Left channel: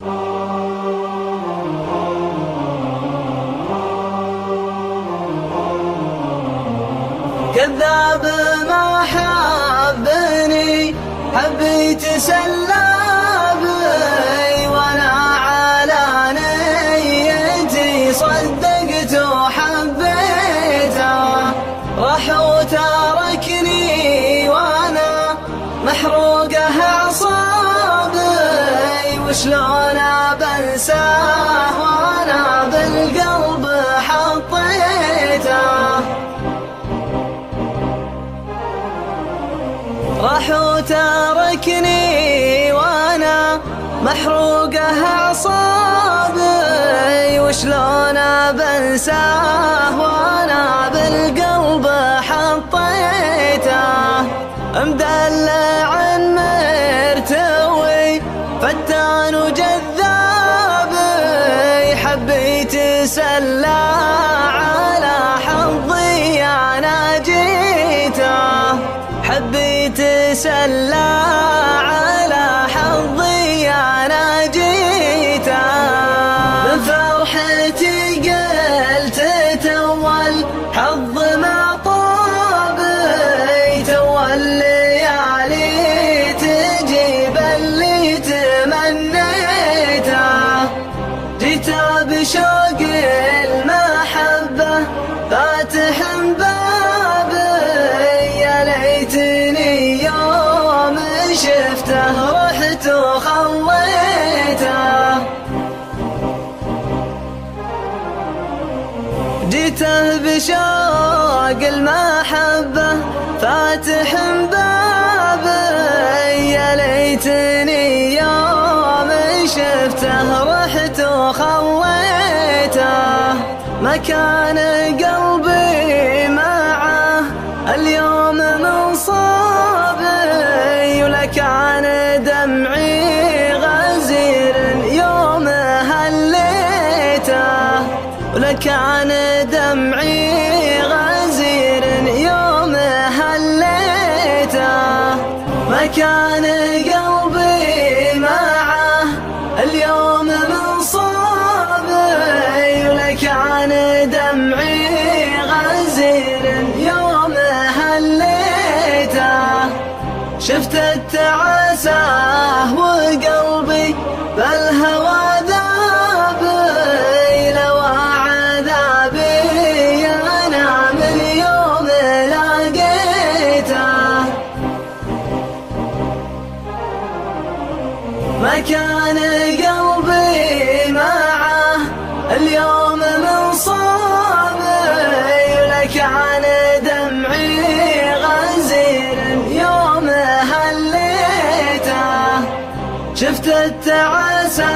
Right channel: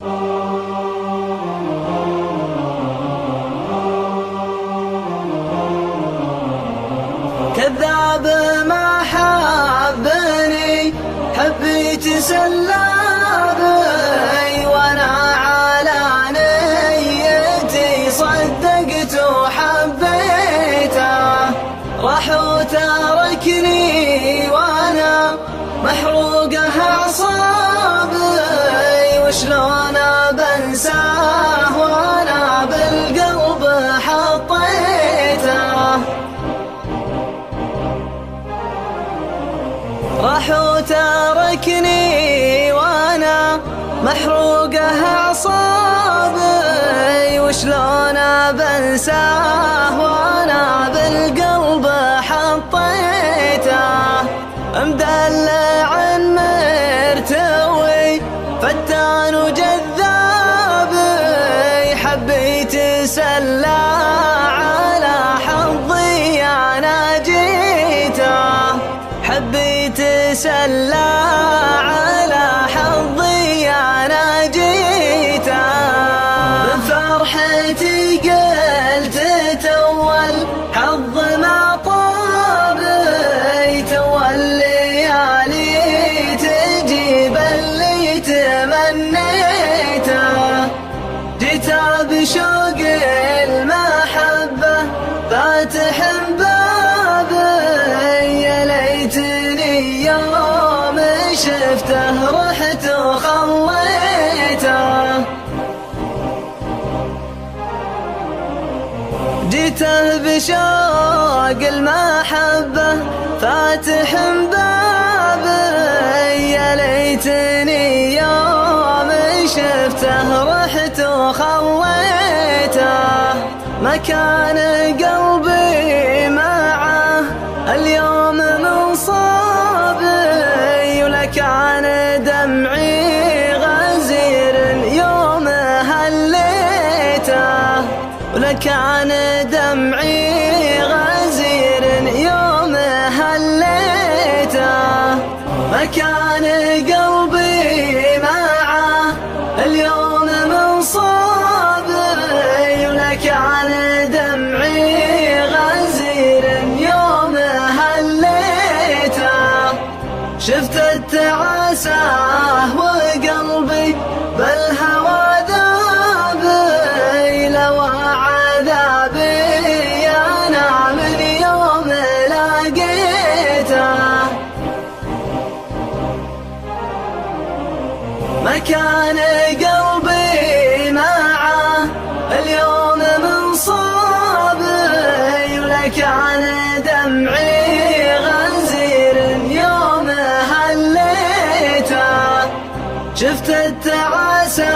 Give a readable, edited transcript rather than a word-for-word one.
كذاب ما حبني حبيت سلامي، وانا على نيتي صدقت وحبيته. راح وتركني وانا محروقه اعصابي، وشلون بنساه وانا بالقلب حطيته. راح وتركني وانا محروقه اعصابي، وشلون بنساه وانا بالقلب حطيته. مدلع مرتوي فتان وجذاب، حبيت سلا على حظي انا جيته. حبيت سلا على حظي انا جيته. بفرحتي قلت تول حظ ما طابي، تول الليالي تجيب اللي تمنيته. جيت بشوق المحبة فاتح بابي، يا ليتني يوم شفته رحت وخويته. جيته بشوق المحبة فاتح بابي، يا ليتني يوم شفته رحت وخويته. ما كان قلبي معه اليوم من صابي، ولا كان دمعي غزير يوم هليته. ولا كان دمعي غزير يوم هليته. ما كان قلبي معه اليوم من صابي، ولا كان دمعي غزير يوم هليته. شفت التعاسة وقلبي بالهوى ذابي، لو عذابي أنا من يوم لقيته. ما كان قلبي معه اليوم من صابي، ولا كان دمعي غزير يوم هليته. شفت التعاسة